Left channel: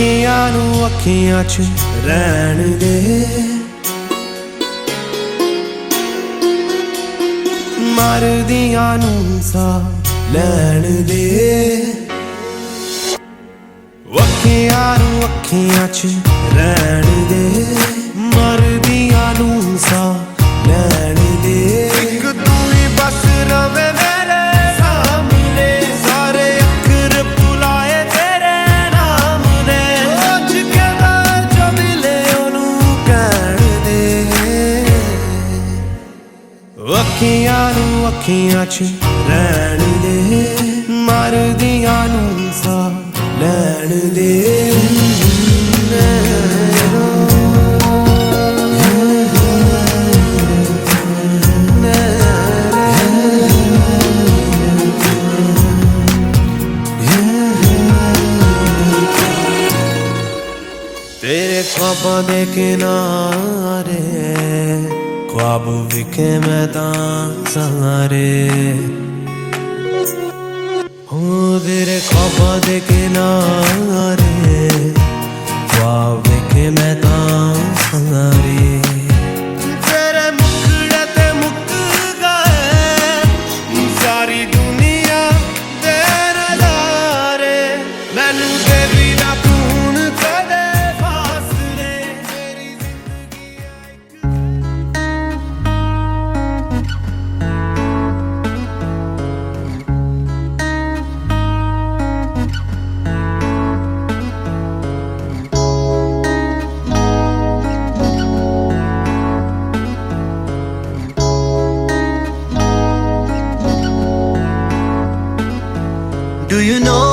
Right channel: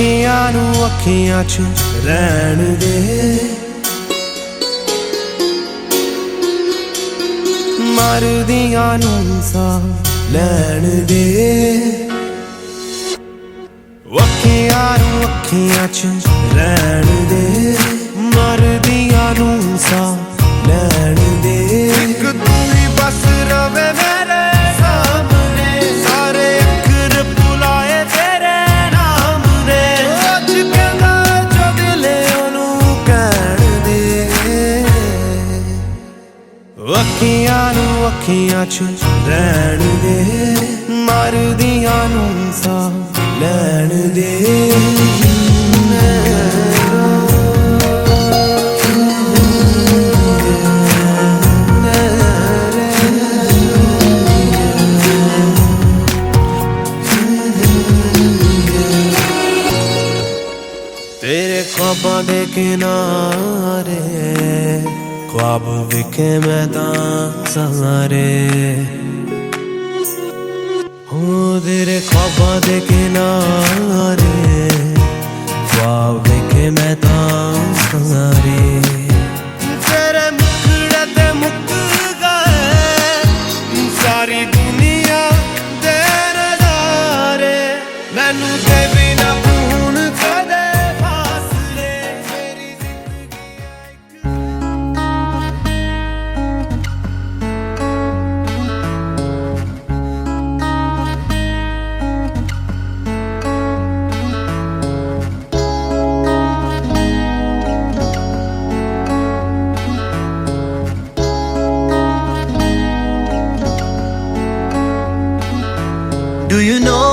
ਅੱਖੀਆਂ ਨੂੰ ਅੱਖੀਆਂ 'ਚ ਰਹਿਣ ਦੇ, ਮਰਦੀਆਂ ਨੂੰ ਸਾਹ ਲੈਣ ਦੇ। ਅੱਖੀਆਂ ਨੂੰ ਅੱਖੀਆਂ 'ਚ ਰਹਿਣ ਦੇ, ਮਰਦੀਆਂ ਨੂੰ ਸਾਹ ਲੈਣ ਦੇ। ਇੱਕ ਤੂੰ ਹੀ ਬਸ ਰਵੇ ਮੇਰੇ ਸਾਹਮਣੇ, ਸਾਰੇ ਅੱਖਰ ਭੁਲਾਏ ਤੇਰੇ ਨਾਮ ਨੇ। ਅੱਜ ਕਹਿੰਦਾ ਜੋ ਦਿਲੇ ਉਹਨੂੰ ਕਹਿਣ ਦੇ। ਅੱਖੀਆਂ ਨੂੰ ਅੱਖੀਆਂ 'ਚ ਰਹਿਣ ਦੇ, ਮਰਦੀਆਂ ਨੂੰ ਸਾਹ ਲੈਣ ਦੇ। तेरे ख्वाबां दे किनारे ख्वाब विखे मैं तां सहारे। हो तेरे ख्वाबां दे किनारे ख्वाब विखे मैं तां सहारे। तेरे मुखड़े ते मुक गए सारी दुनिया दे नज़ारे। मैनू दे बिना तू हुण कदे Do you know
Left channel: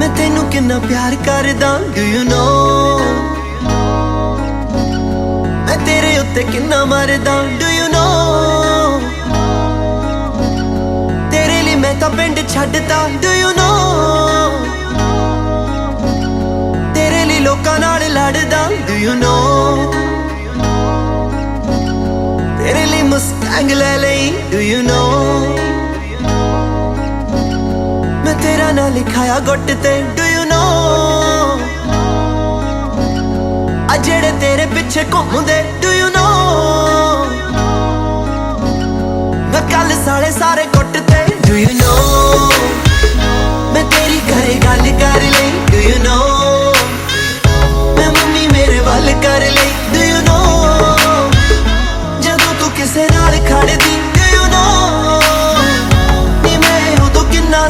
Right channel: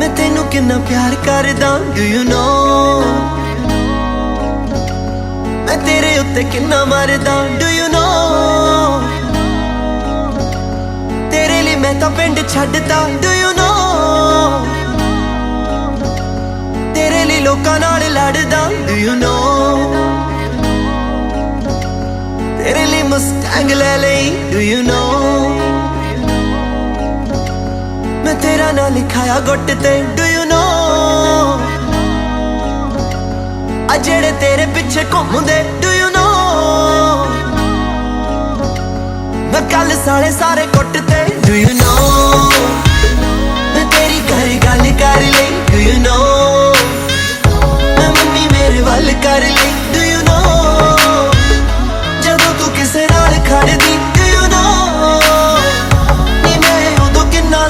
मैं तेनू किन्ना प्यार करदा। Do you know मैं तेरे उत्ते किन्ना मरदा। Do you know तेरे लिए मैं तां पिंड छड्डदा। Do you know तेरे लिए लोकां नाल लड़दा। Do you know तेरे लिए मुस्टैंग ले लई। Do you know मैं तेरा ना लिखाया गुट ते। Do you know आ जेड़े तेरे पिछे घूमदे। Do you know मैं कल साले सारे गुट ते। Do you know मैं तेरी घरे गल कर लई। Do you know मैं मम्मी मेरे वल कर लई। Do you know जदों तू किसे नाल खड़दी। Do you know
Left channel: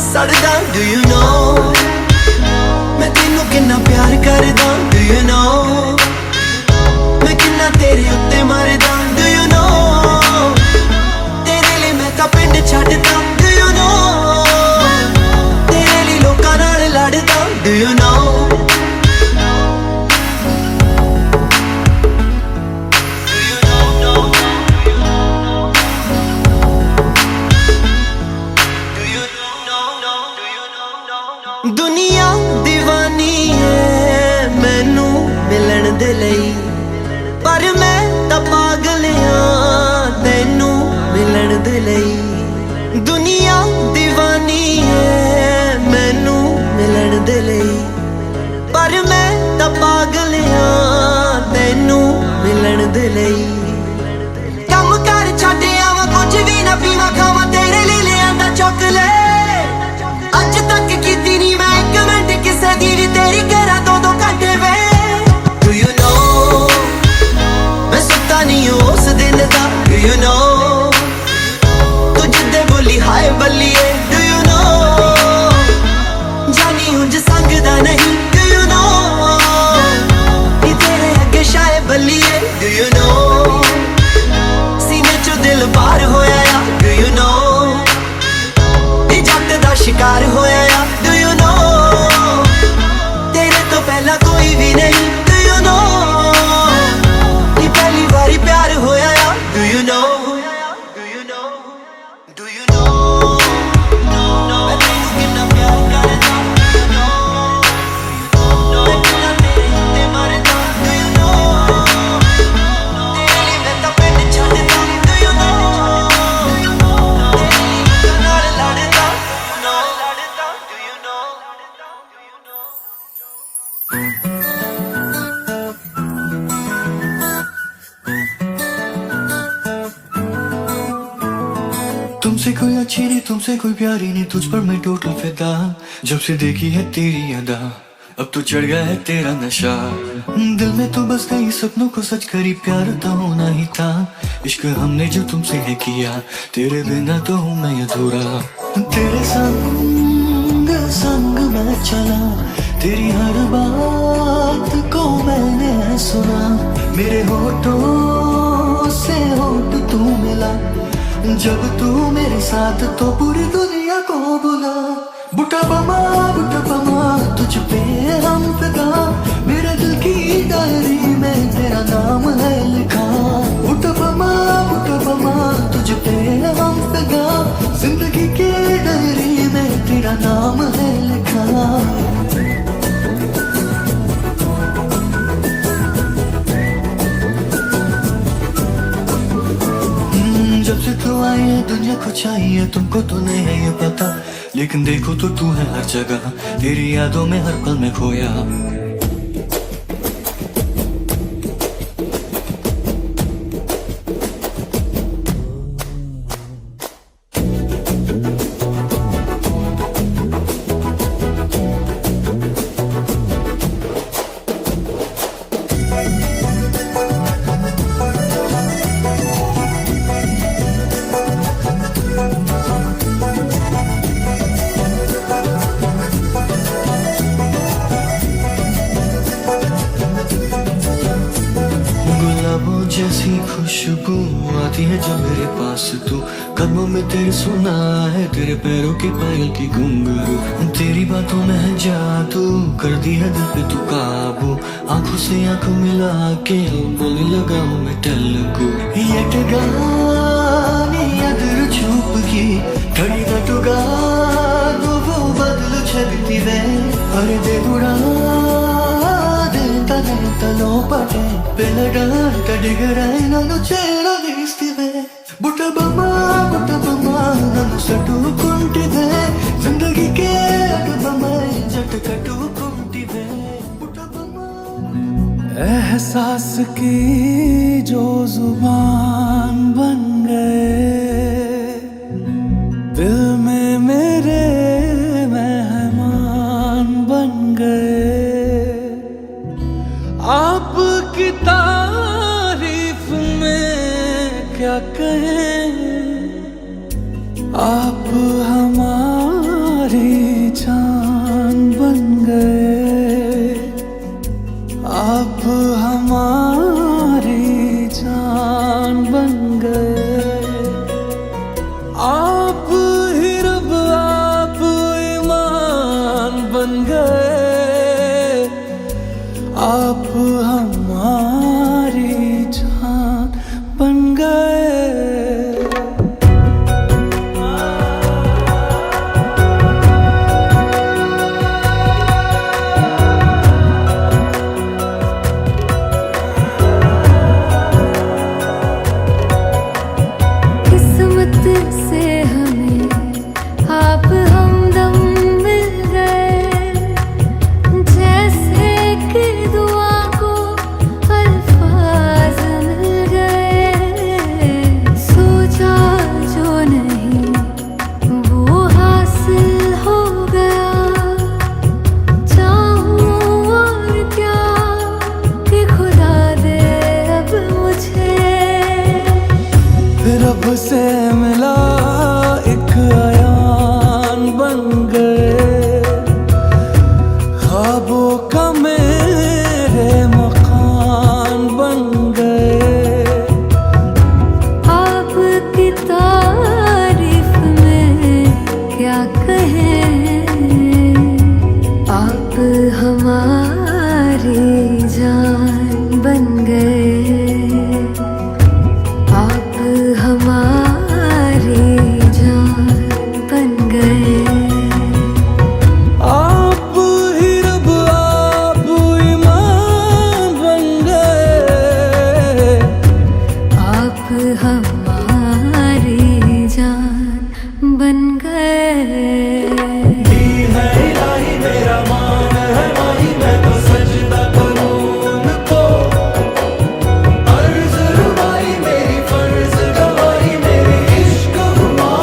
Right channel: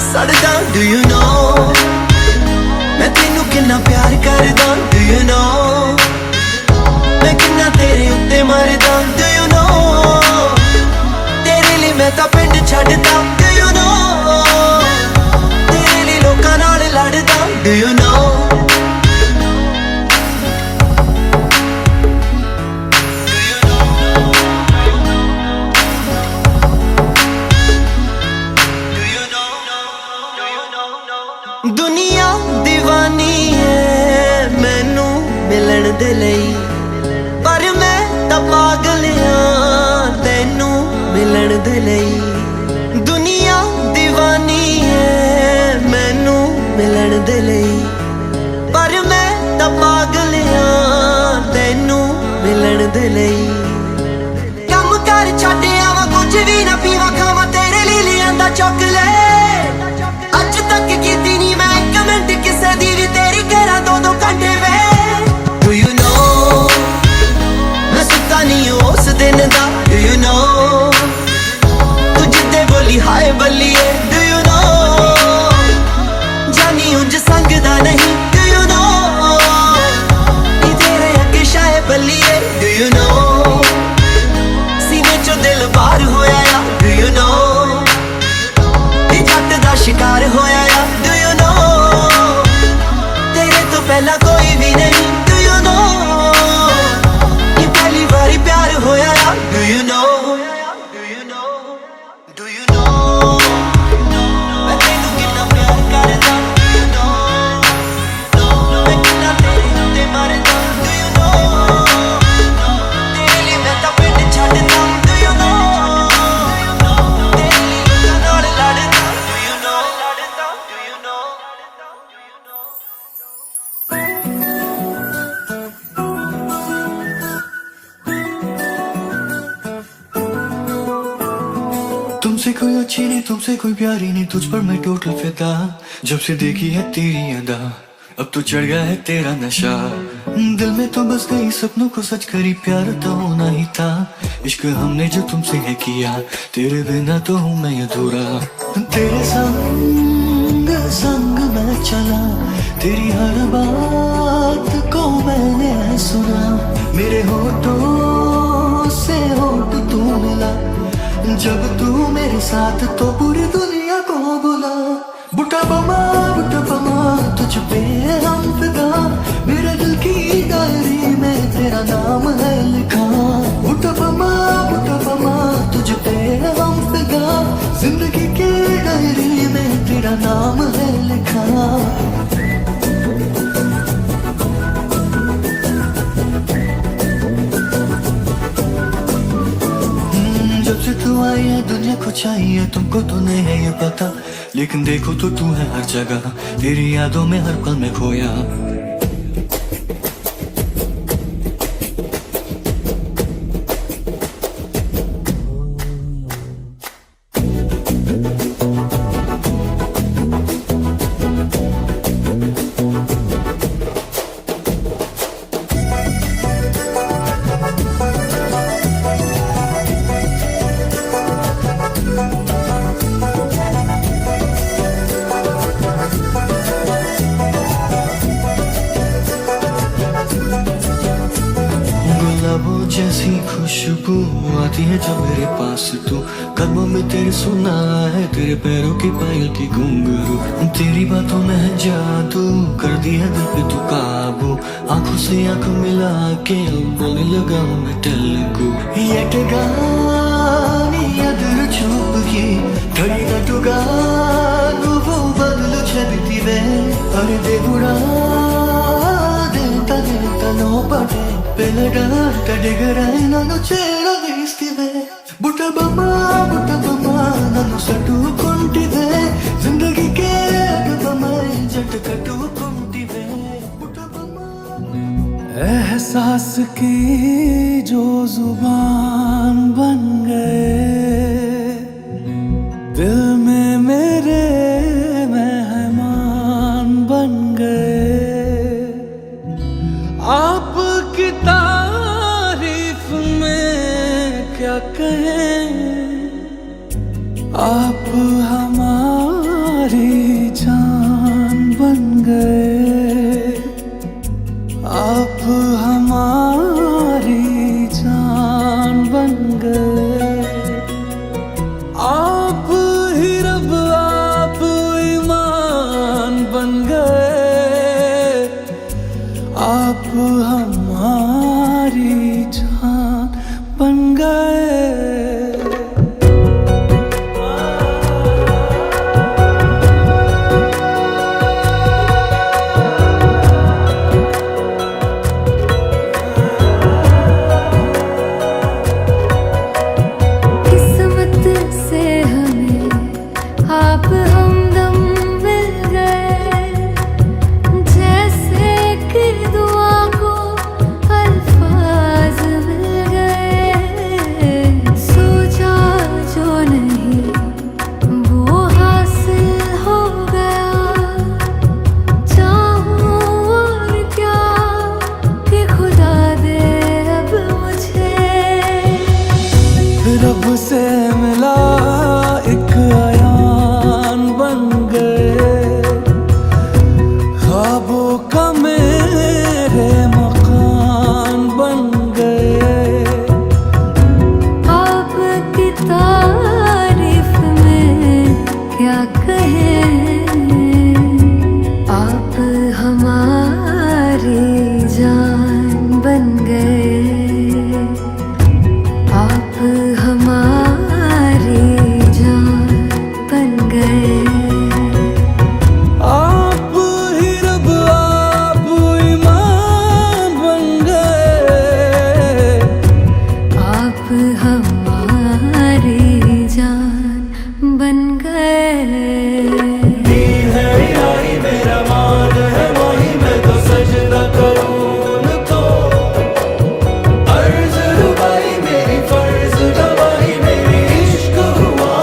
सड़दा। Do you know मैं तेनू किन्ना प्यार करदा। Do you know मैं किन्ना तेरे उत्ते मरदा। Do you know तेरे लिए मैं तां पिंड छड्डदा। Do you know तेरे लिए लोकां नाल लड़दा। Do you know दुनिया दीवानी है मैनू मिलन दे लई, पर मैं तां पागल हां तैनू मिलन दे लई। दुनिया दीवानी है मैनू मिलन दे लई, पर मैं तां पागल हां तैनू मिलन दे लई। कम कर छड्ड आवां कुछ भी ना पीवां खावां तेरे लिए लिआंदा चॉकलेट। अज तक कीती नी मैं एक मिनट किसे दी भी तेरी करा दो घंटे वे। Do you know मैं सुता नहीं उस दिन दा। Do you know तू जिद्दे बोली हाय बल्लिए। Do you know जानी उंज संगदा नहीं। Do you know नी तेरे अगे शाये बल्लिए। Do you know सीने चो दिल बाहर होया या। Do you know जट दा शिकार होया या। Do you know तेरे तो पहला कोई भी नहीं। Do you know ये पहली बारी प्यार होया या। Do you know Do you know Do you know मैं तेनू किन्ना प्यार करदा। Do you know मैं किन्ना तेरे उत्ते मरदा। Do you know तेरे लिए मैं तां पिंड छड्डदा। Do you know तेरे लिए लोकां नाल लड़दा। Do you know तुमसे कोई अच्छी नहीं, तुमसे कोई प्यारी नहीं, तुझ पर मैं टोटल फिदा। जब से देखी है तेरी अदा, अब तो चढ़ गया है तेरा नशा। दिल में तो बस गई, सपनों को सच करी, प्यार तो होना ही था। इश्क हमने जो तुमसे है किया, तेरे बिना तो हूँ मैं अधूरा। तेरे संग संग मैं चला, तेरी हर बात को मैंने सुना। मेरे होठों से होठ तू मिला, जब तू मेरे साथ तो पूरी दुनिया को बुला। बुटा बमा तुझ पे हम फिदा, मेरे दिल की डायरी में तेरा नाम है लिखा। बुटा बमा तुझ पे हम फिदा, जिंदगी के डायरी में तेरा नाम है लिखा। जब से तू आई है दुनिया को चाहिए, तुमको तो नहीं है ये पता, लेकिन देखो तो तू है हर जगह, तेरी यादों में हर पल में खोया। गुलाबों जैसी खुशबू आती है जब मेरे पास तू, कदमों में तेरे सुना है, तेरे पैरों की पायल की घुंघरू। तेरी बातों में है जादू, कर दी है दिल पे तू काबू। आंखों से आंख मिला के बोलने लगा हूँ मैं तेलुगु। ఎటగాని ఎదురు చూపుకి కడినట్టుగా నువ్వు బదులు చెబితివే. అరే దేవుడా తలో పడే పిల్లడంట డిగరై నన్ను చేరదీస్తివే. బుట్టబొమ్మ నన్ను సట్టుకుంటివే, జిందగీకే అటుబొమ్మై జట్టు కట్టుకుంటివే. एहसास की जो जुबान बन गए, दिल में मेरे मेहमान बन गए। आपकी तारीफ में क्या कहें, आप हमारी जान बन गए। आप हमारी जान बन गए। आप ही रब आप ईमान बन गए। आप हमारी जान बन गए। से हमें आप हमदम मिल गए, जैसे कि दुआ को अल्फाज मिल गए। सोचा जो नहीं वो हासिल हो गया, चाहूं और क्या कि खुदा दे अब मुझे। रब से मिला एक आयान बन गए, ख्वाबों का मेरे मकान बन गए। आपकी तारीफ में क्या कहें, आप हमारी जान बन गए। आप हमारी जान बन गए। आप ही रब आप ईमान बन गए। आप हमारी जान बन गए। मेरा मान है माही, मैं तो सजदा करूं उनको। अर्ज़ रुबाई मेरी फर्ज गवाही, मेरी इश्क हुआ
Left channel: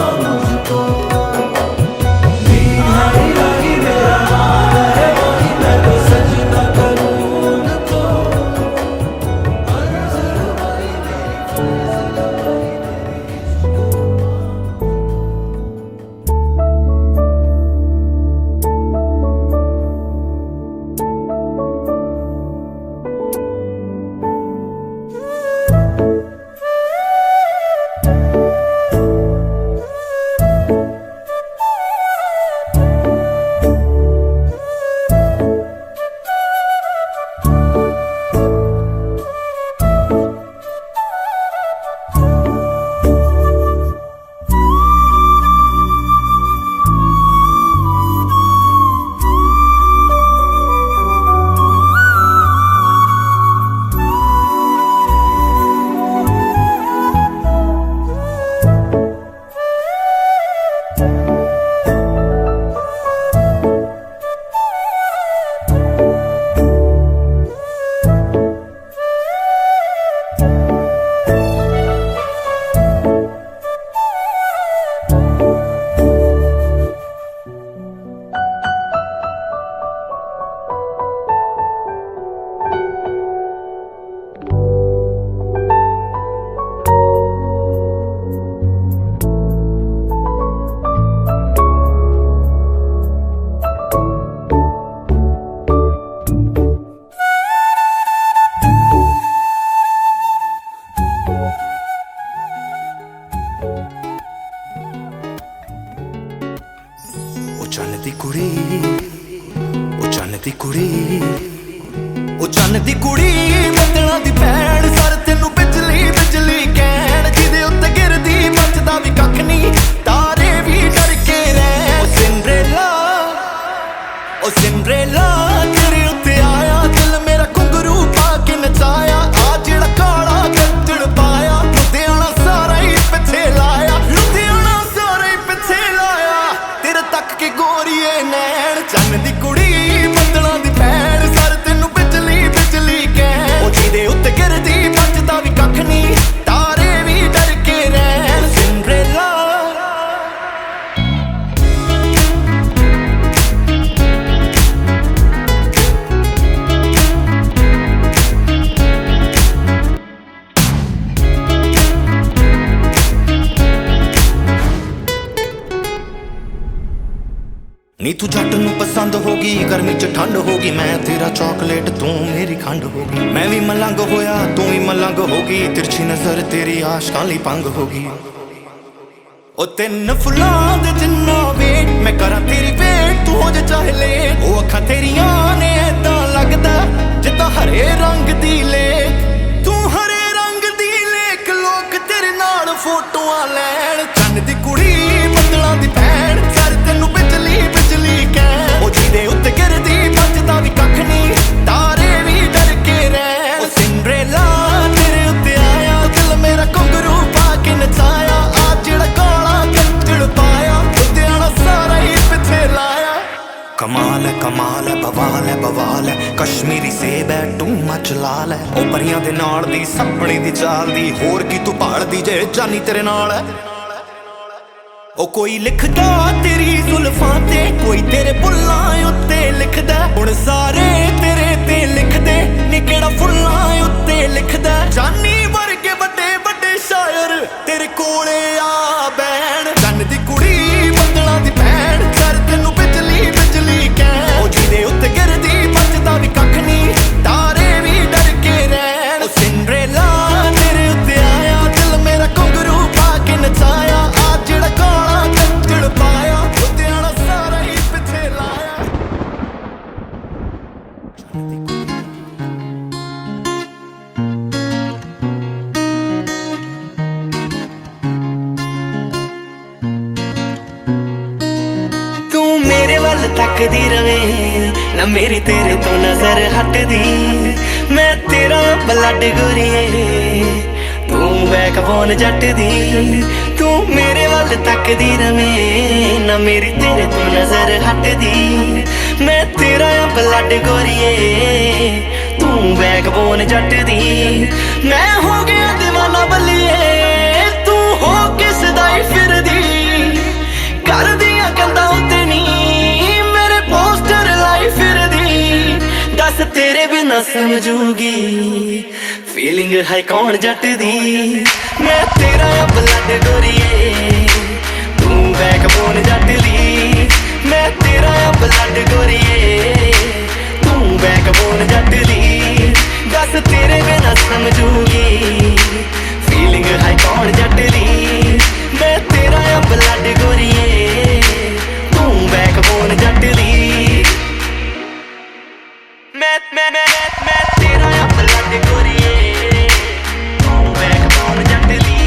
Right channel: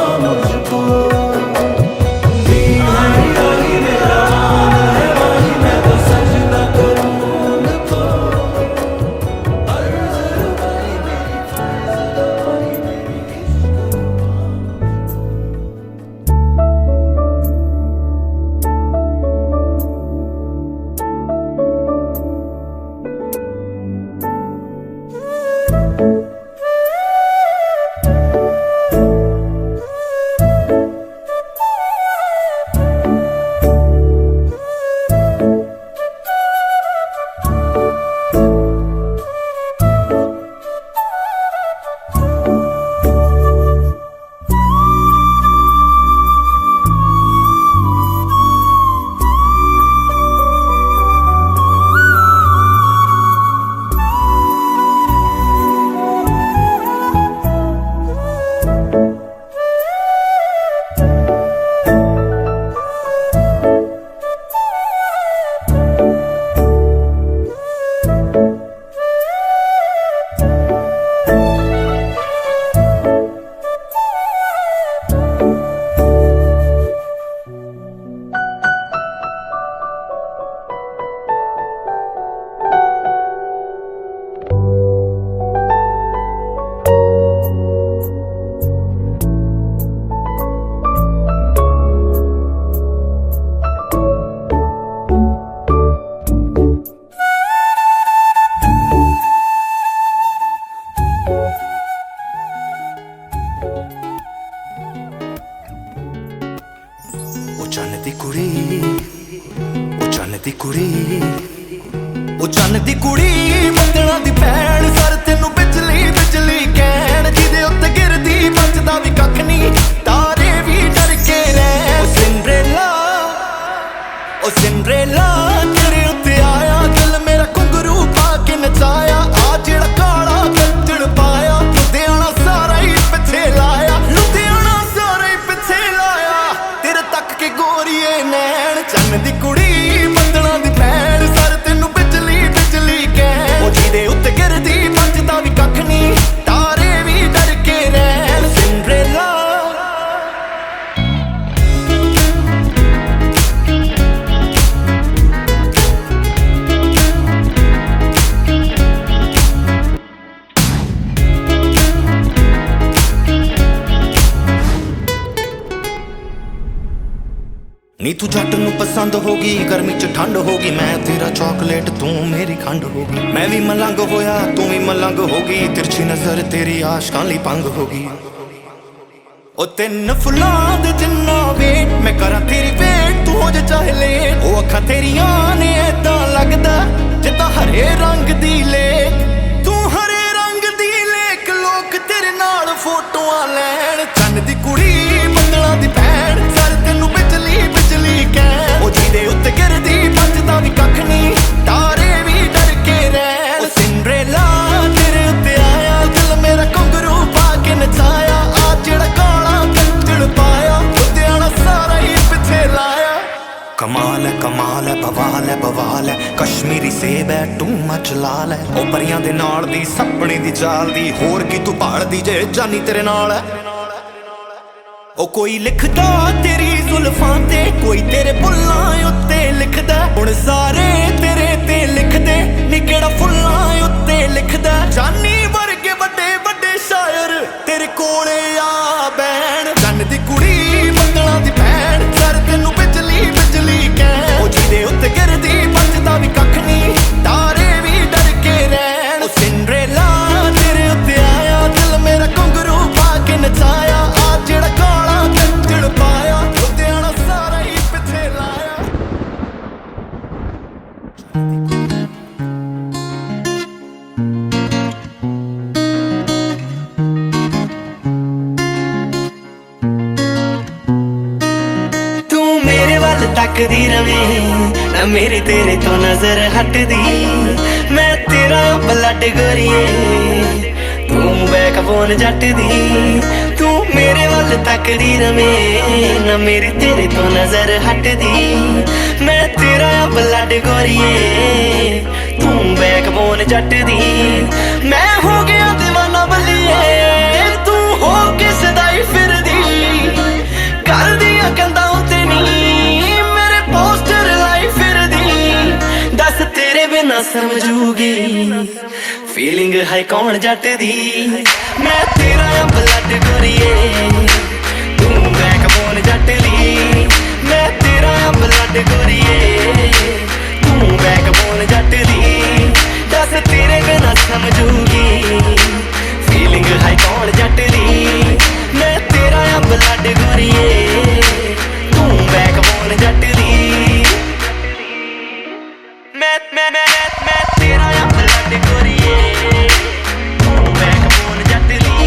दी कुड़ी ओ चन्न दी कुड़ी ओ चन्न दी कुड़ी बदलां दी भैण सर तेनू बिजली बिजली कहण जिदे उत्ते गिरदी बचदा भी कख नहीं तारे भी डर के रहण ओ सिंड्रेला तेरे उत्ते आया दिल मेरा घुंघरू पा के नचाया आ जेड़ा काला गद्दड़ पाया लुधियाना सारा ही पिछे लाया लुधियाना सारा ही पिछे लाया तेरे तक के गोरीए नैन चन्न दी कुड़ी बदलां दी भैण सर तेनू बिजली बिजली कहण ओ जिदे उत्ते गिरदी बचदा भी कख नहीं तारे भी डर के रहण सिंड्रेला नी तू जट नू पसंद होगी गर्मी च ठंड होगी मैं तेरा चॉकलेट तू मेरी खंड होगी मैं भी मलंग होया तू भी मलंग होगी तिरछी नजर तेरी आशकां लई पंग होगी ओ तिन फुल्लां दे जिन्ना वेट मैं करा तेरी वेट तू हो जा चाहे लेट ओ अखां तेरियां ने ऐदां लगदा जिद्दां हरे रंग दी लेक तू हरे रंग दी लेक लोक तेरे नाल फोटोआं लैण चन्न दी कुड़ी बदलां दी भैण सर तेनू बिजली बिजली कहण ओ जिदे उत्ते गिरदी बचदा भी कख नहीं तारे भी डर के रहण ओ सिंड्रेला तेरे उत्ते आया दिल मेरा घुंघरू पा के नचाया आ जेड़ा काला गद्दड़ पाया लुधियाना सारा ही पिछे लाया कमाल है बवाल है कश्मीरी सेब है टू मच लाल है ओ परियां दे नाल दी सपने दी चाल दी होर की तू भालदी जे जानी तेरे नाल है ओ कोई लिखदा तेरी जुल्फां ते कोई तेरे बुल्लां उत्ते लिखदा हुण सारे तेरे ते लिखदे नी केड़ा फुल्लां उत्ते लिखदा जानी वर्गे बड़े बड़े शायर तेरे कोले आ बैण चन्न दी कुड़ी बदलां दी भैण सर तेनू बिजली बिजली कहण ओ जिदे उत्ते गिरदी बचदा भी कख नहीं तारे भी डर के रहण ओ सिंड्रेला तेरे उत्ते आया दिल मेरा घुंघरू पा के नचाया आ जेड़ा काला गद्दड़ पाया लुधियाना सारा ही पिछे लाया तू मेरे वल तकदी रवे ना मेरी तेरे तो नजर हटदी मैं तेरा ब्लड गोरीए तू बैकबोन जट दी तू मेरे वल तकदी रवे ना मेरी तेरे तो नजर हटदी मैं तेरा ब्लड गोरीए तू बैकबोन जट दी मैं हो गया दीवाना बल्लिए तू हो किस दाई फिरदी कर दिया कंधा उत्ते नी मेरे पोस्टर लाई फिरदी दस तेरे बिना समझूगी फीलिंग है कौन जट दी मैं तेरा ब्लड गोरीए तू बैकबोन जट दी मैं तेरा ब्लड गोरीए तू बैकबोन जट दी दस तेरे बिना समझूगी फीलिंग है कौन जट दी मैं तेरा ब्लड गोरीए तू बैकबोन जट दी मैं तेरा ब्लड गोरीए तू बैकबोन जट दी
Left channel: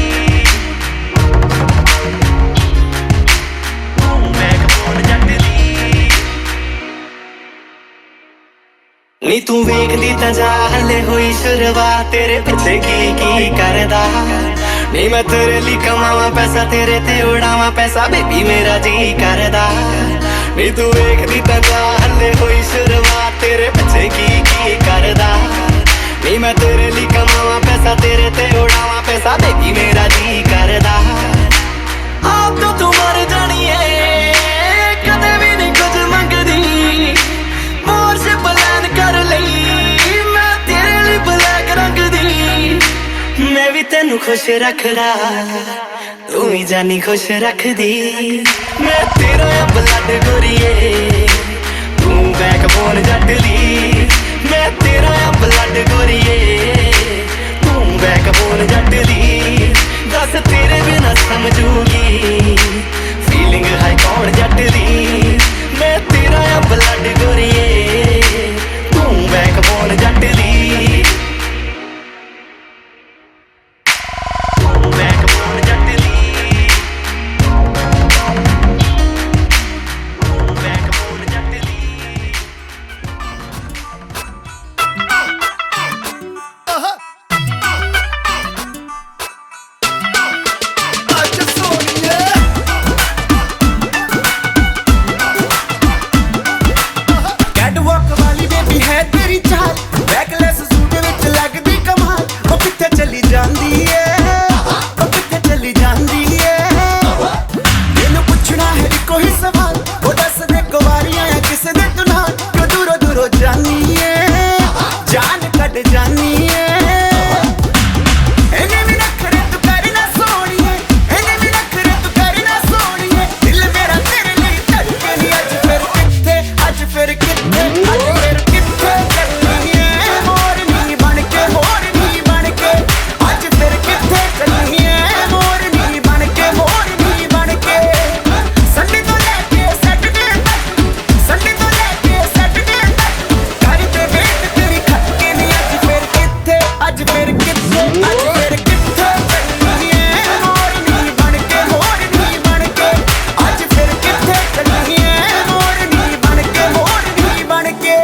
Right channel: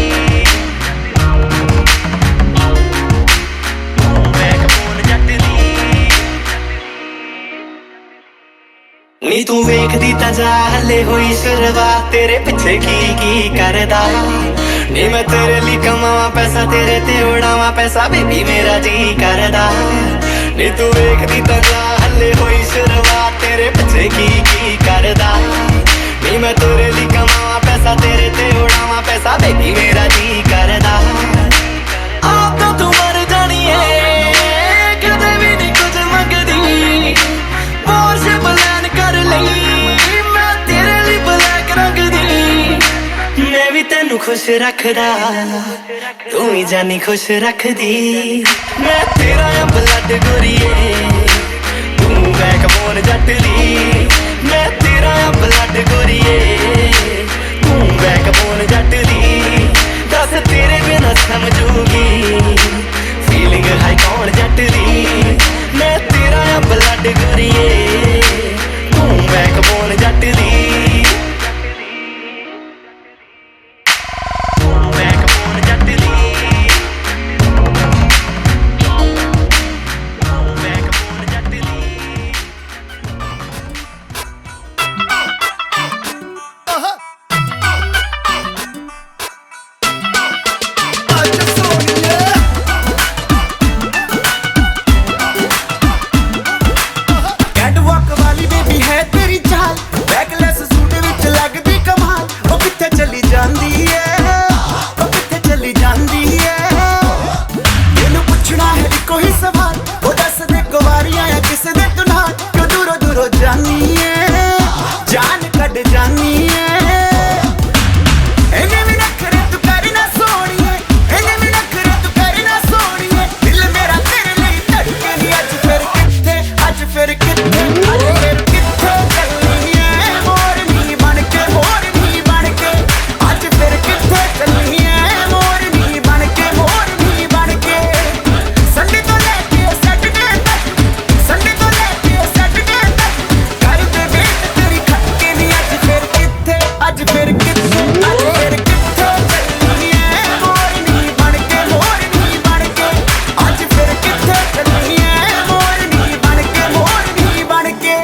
तू बैकबोन जट दी नी तू वेखदी तां जा हले होई शुरुआत तेरे पिछे की करदा नी मैं तेरे लिए कमावा पैसा तेरे ते उड़ावा पैसा बेबी मेरा जी करदा नी तू वेखदी तां जा हले होई शुरुआत तेरे पिछे की करदा नी मैं तेरे लिए कमावा पैसा तेरे ते उड़ावा पैसा बेबी मेरा जी करदा आप तो तू मर जानी है कदे भी नहीं कुछ मंगदी पोर्श प्लान कर लई मैं तेरे लिए ब्लैक रंग दी मैं भी तेनू खुश रखदा तू ही जानी खुश रखदी मैं तेरा ब्लड गोरीए तू बैकबोन जट दी मैं तेरा ब्लड गोरीए तू बैकबोन जट दी दस तेरे बिना समझूगी फीलिंग है कौन जट दी मैं छड़ जानी है इन्हें भी नखरे तू करना सोनिए इन्हें भी नखरे तू करना सोनिए दिल मेरा तेरे लिए धड़के नहीं अज फिर किथे अज फिर किथे अज फिर किथे चलनी है मोरनी बन के अज फिर किथे चलनी है मोरनी बन के संडे तो लेके सैटरडे तक कर दे वेट तेरी खटके नहीं अज फिर किथे अज फिर किथे चलनी है मोरनी बन के अज फिर किथे चलनी है मोरनी बन के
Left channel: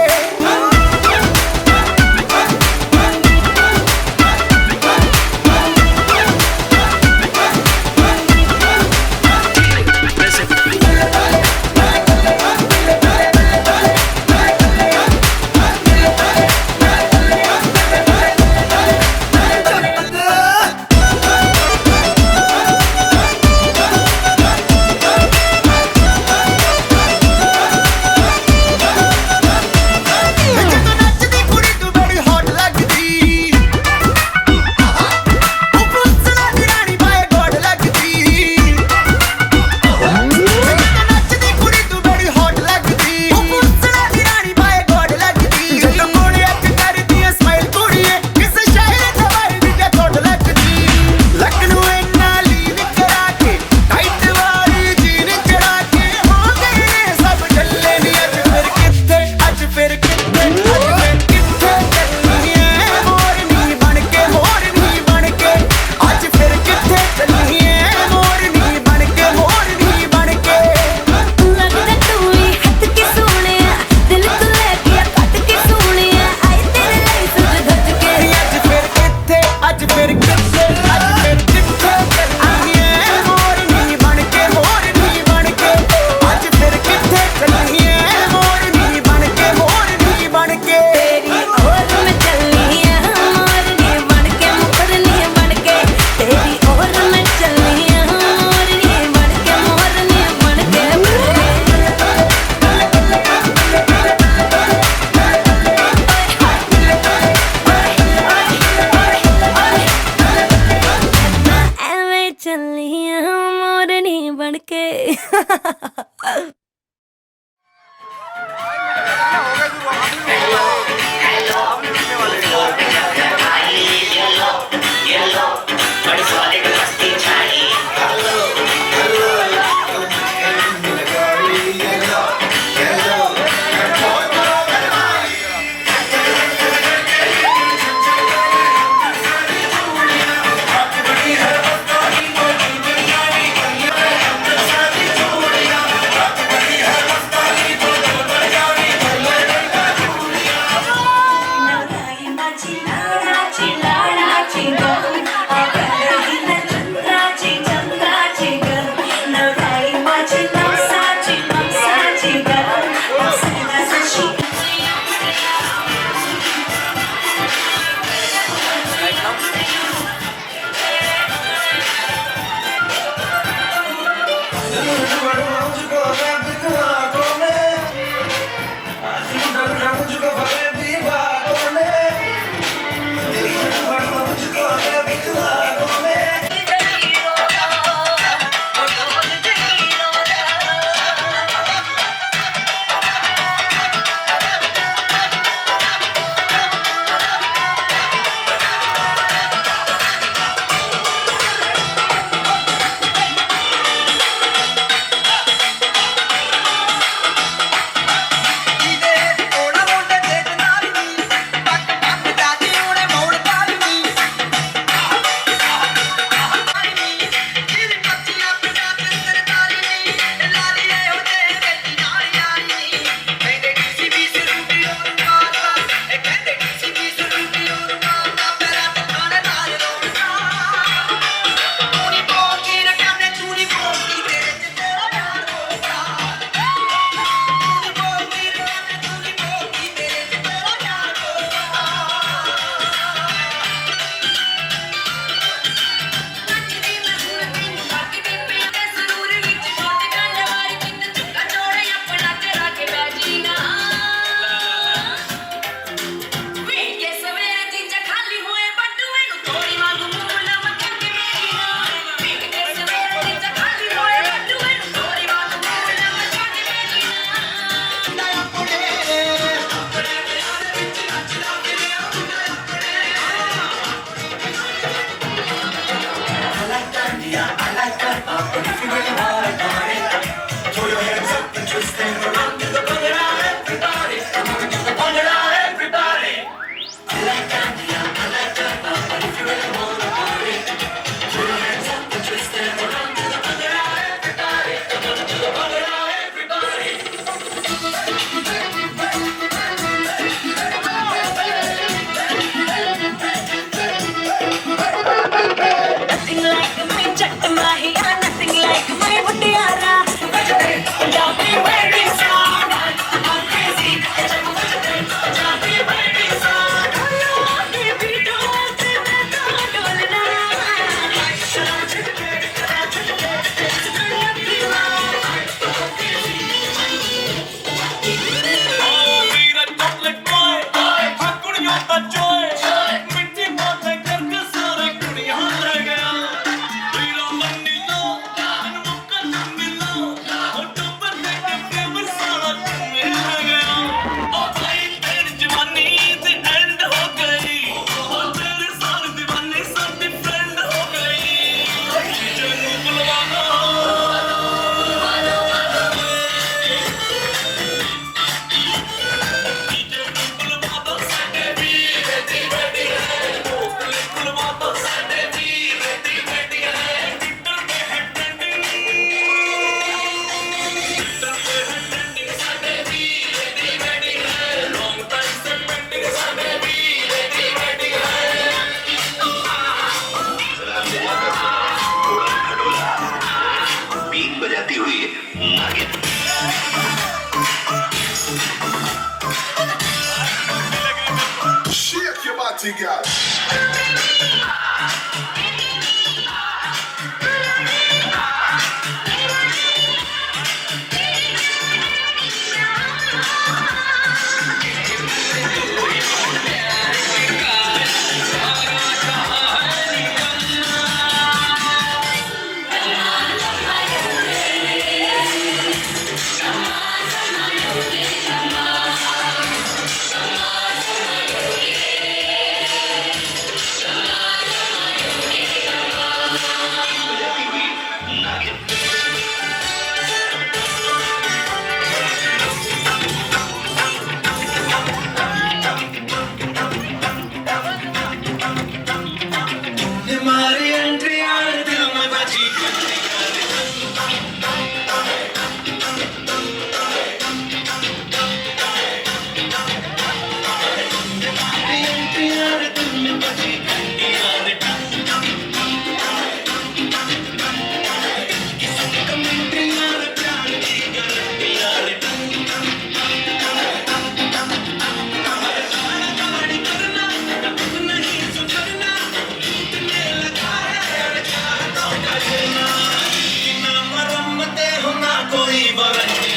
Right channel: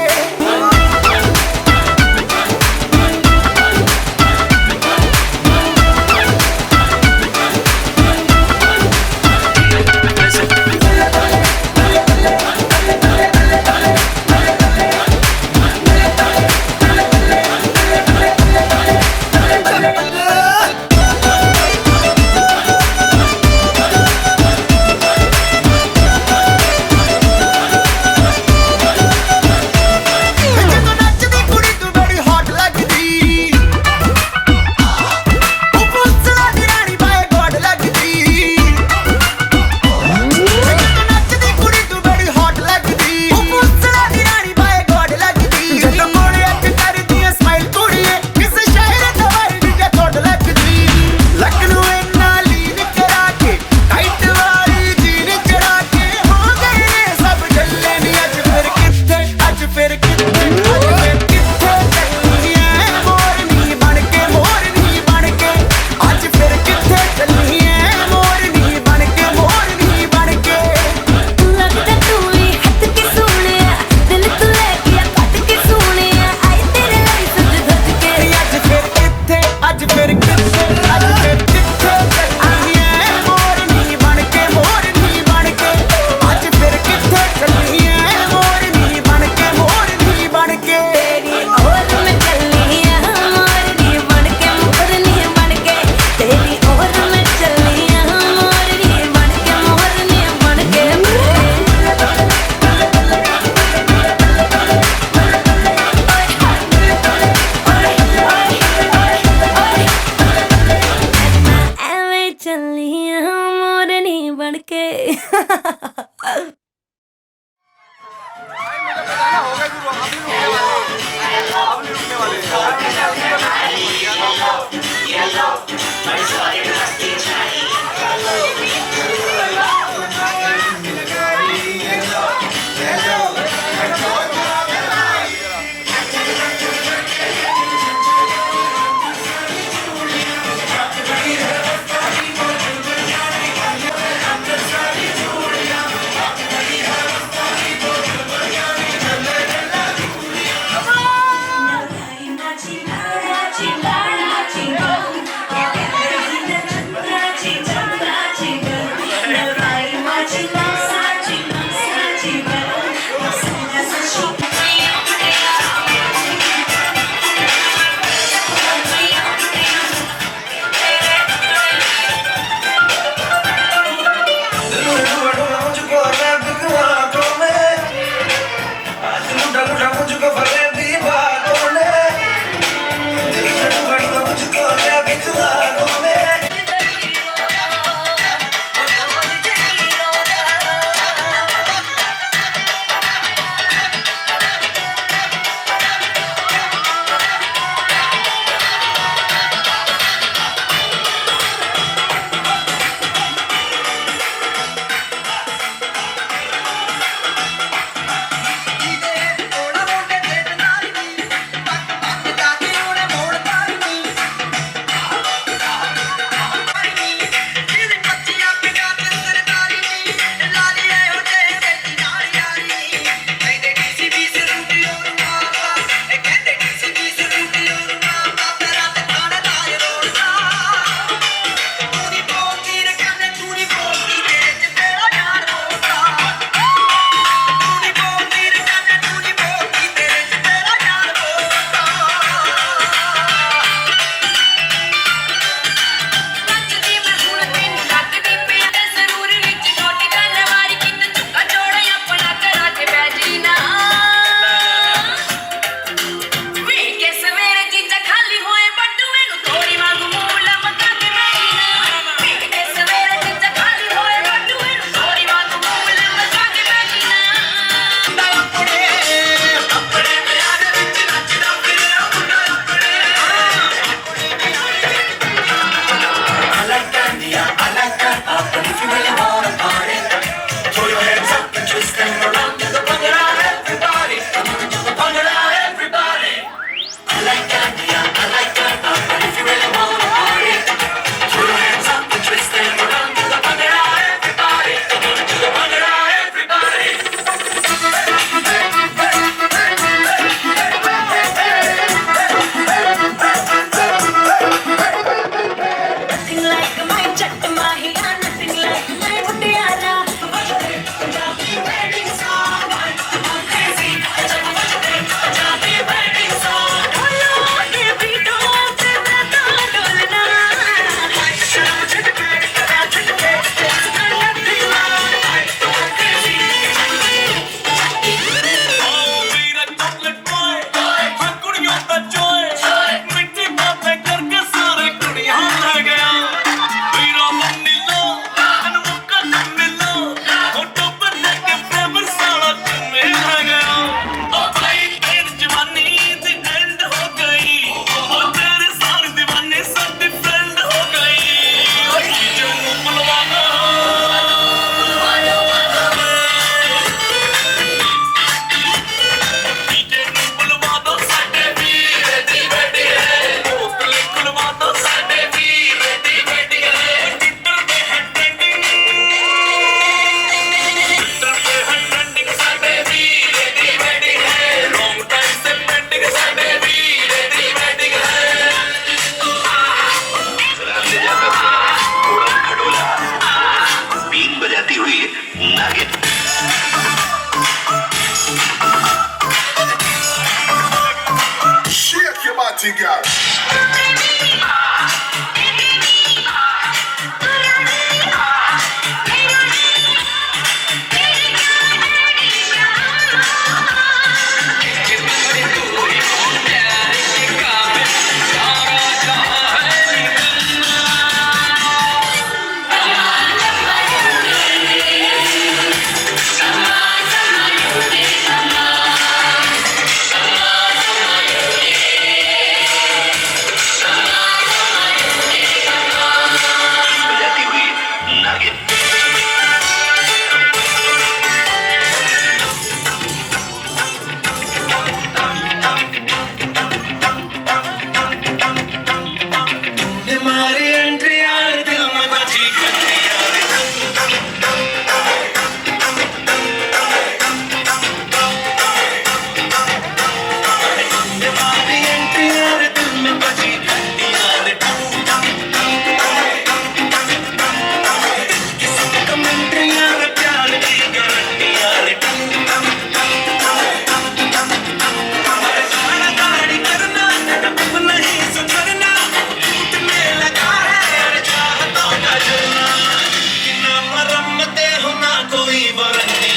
ਜਦੋਂ ਨੱਚਦੀ ਕੁੜੀ ਤੂੰ ਬੜੀ ਹੌਟ ਲੱਗਦੀ ਉਹ ਪੁੱਛਣਾ ਦੀ ਰਾਣੀ ਬਾਏ ਗੋਡ ਲੱਗਦੀ ਜਦੋਂ ਨੱਚਦੀ ਕੁੜੀ ਤੂੰ ਬੜੀ ਹੌਟ ਲੱਗਦੀ ਉਹ ਪੁੱਛਣਾ ਦੀ ਰਾਣੀ ਬਾਏ ਗੋਡ ਲੱਗਦੀ ਜਦੋਂ ਕੋਲੇ ਅੱਖ ਕਰਦੀ ਐ ਸਮਾਈਲ ਕੁੜੀਏ ਕਿਸੇ ਸ਼ਾਇਰ ਦਵਾਈ ਦੀ ਜੇ ਥੋੜ ਲੱਗਦੀ ਲੱਕ ਨੂੰ ਇੰਨਾ ਲੀਨ ਕਰਾ ਕੇ ਟਾਈਟ ਵਾਲੀ ਜੀਨ ਚੜਾ ਕੇ ਹੋ ਗਏ ਨੇ ਸਭ ਜੱਲੇ ਨੀ ਅੱਜ ਫਿਰ ਕਿੱਥੇ ਚੱਲਣੀ ਐ ਮੋਰਨੀ ਬਣ ਕੇ ਅੱਜ ਫਿਰ ਕਿੱਥੇ ਚੱਲਣੀ ਐ ਮੋਰਨੀ ਬਣ ਕੇ लगता तू ही हट के सोनिया दिल तू ले गया कट के सोनिया आई तेरे लिए सज धज के ਅੱਜ ਫਿਰ ਕਿੱਥੇ ਚੱਲਣੀ ਐ ਮੋਰਨੀ ਬਣ ਕੇ ਅੱਜ ਫਿਰ ਕਿੱਥੇ ਚੱਲਣੀ ਐ ਮੋਰਨੀ ਬਣ ਕੇ तेरी और मैं चलनी है मोरनी बन के मोरनी बन के तेरी और मैं चलनी है मोरनी बन के मैं एवें चलनी है मोरनी बन के Nothing like my jack mahiya, nothing like my mutiara. Punjabi wedding song, I'm crazy. Punjabi wedding song, dolo ke beato se main to dolna. Shake your body, girl. हमारी एंट्री यार दिल में बजी हमारी एंट्री यार दिल में बजी कमेंट्री यार प्यार की गारंटी यार गाड़ी करना नहीं सुधरना मरम्मते हो ना कोई वारंटी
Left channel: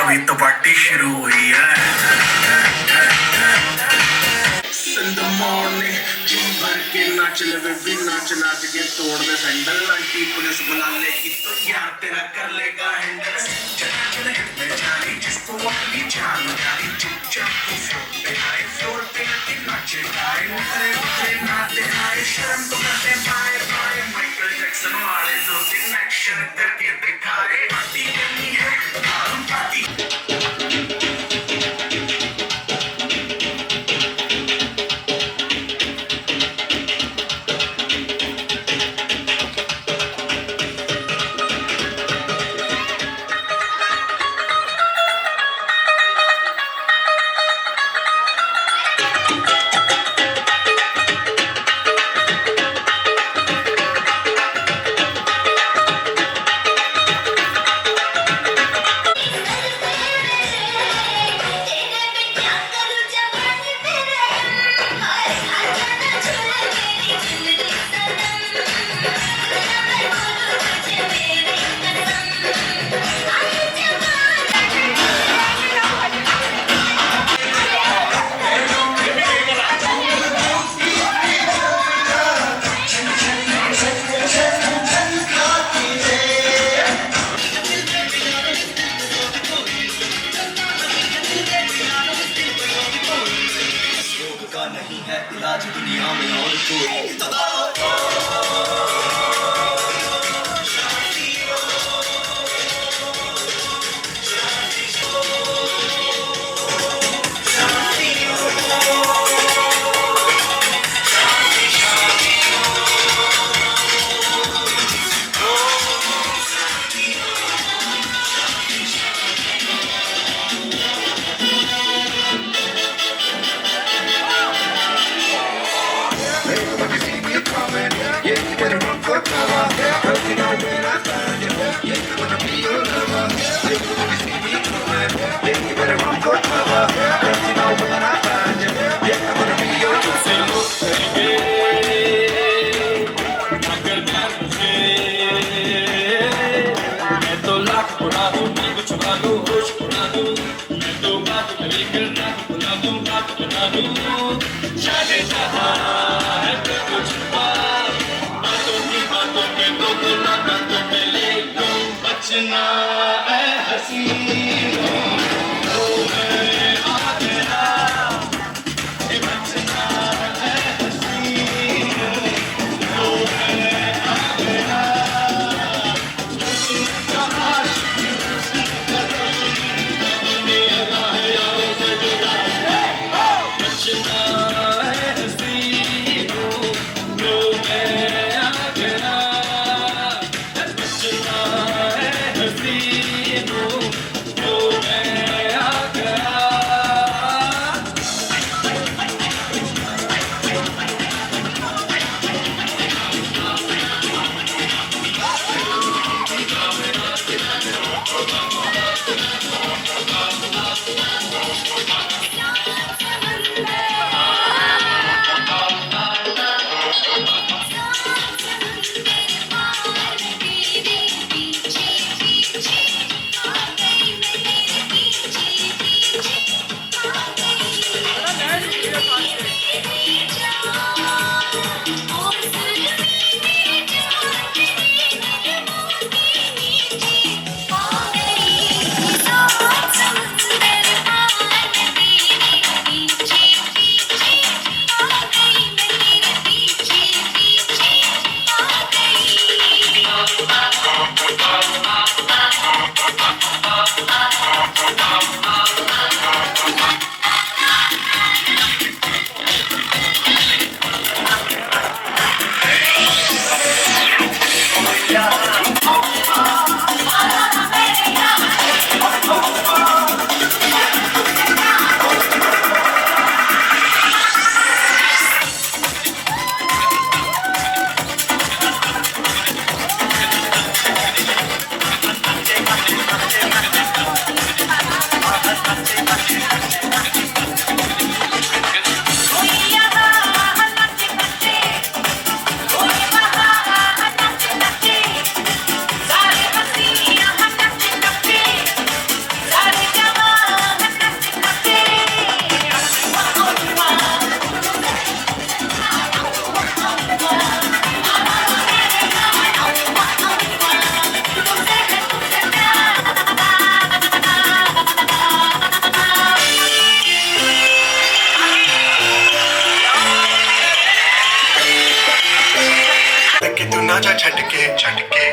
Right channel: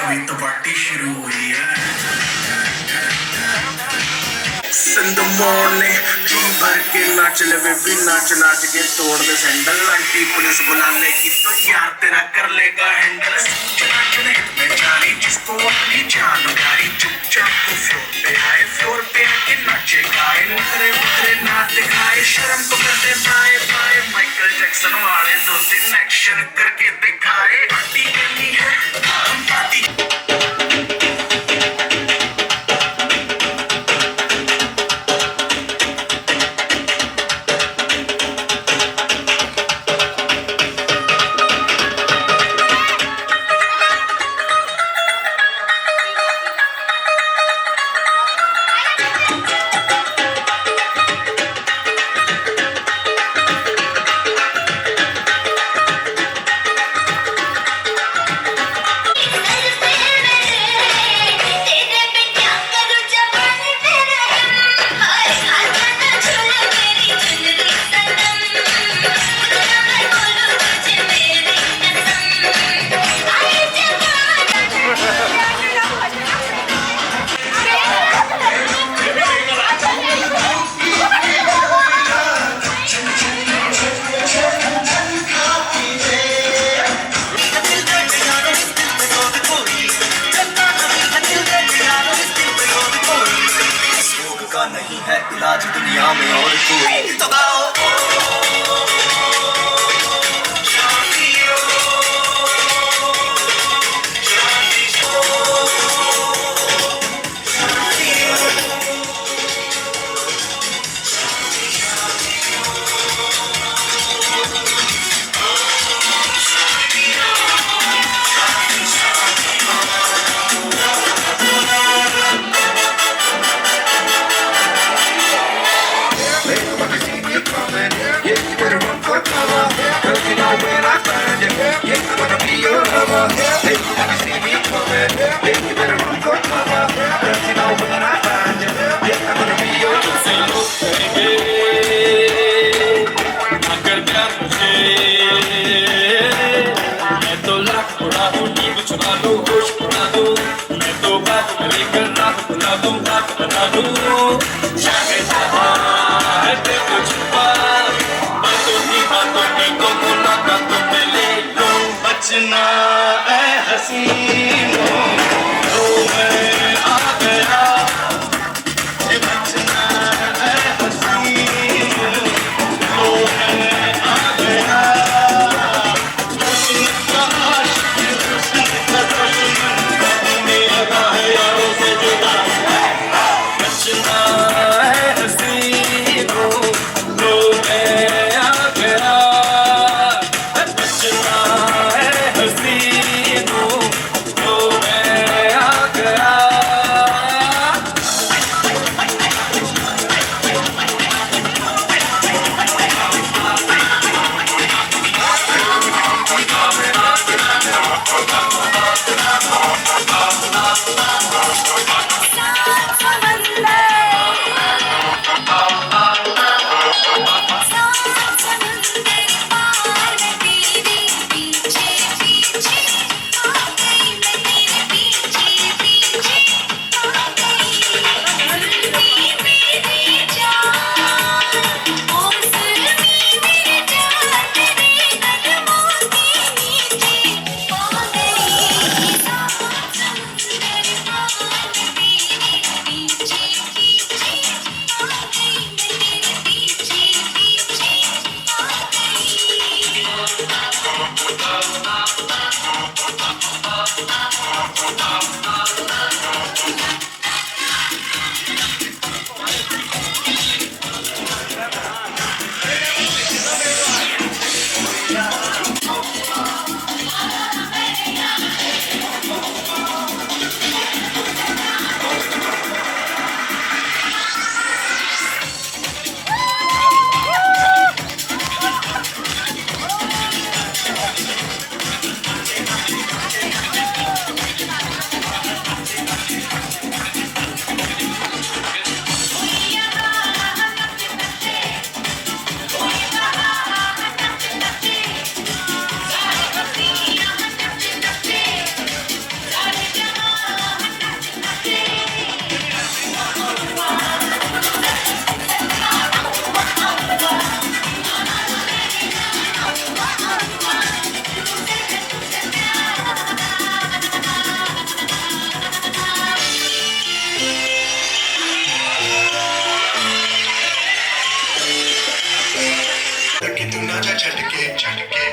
अभी तो पार्टी शुरू हुई है In the morning जी भर के नाच ले बेबी नाच नाच के तोड़ दे सैंडल आंटी पुलिस बुला लेगी तो यार तेरा कर लेगा हैंडल में जानी जिसको अपनी जान उठाई चुपचाप तो फ्लोर पे आके नाचे गाए उतरे उतरे ना दिखाए शर्म तो करते पाए पाए माइकल जैक्सन वाले दो तीन एक्शन करके दिखाए पार्टी करनी है हम पार्टी दुनिया में और कोई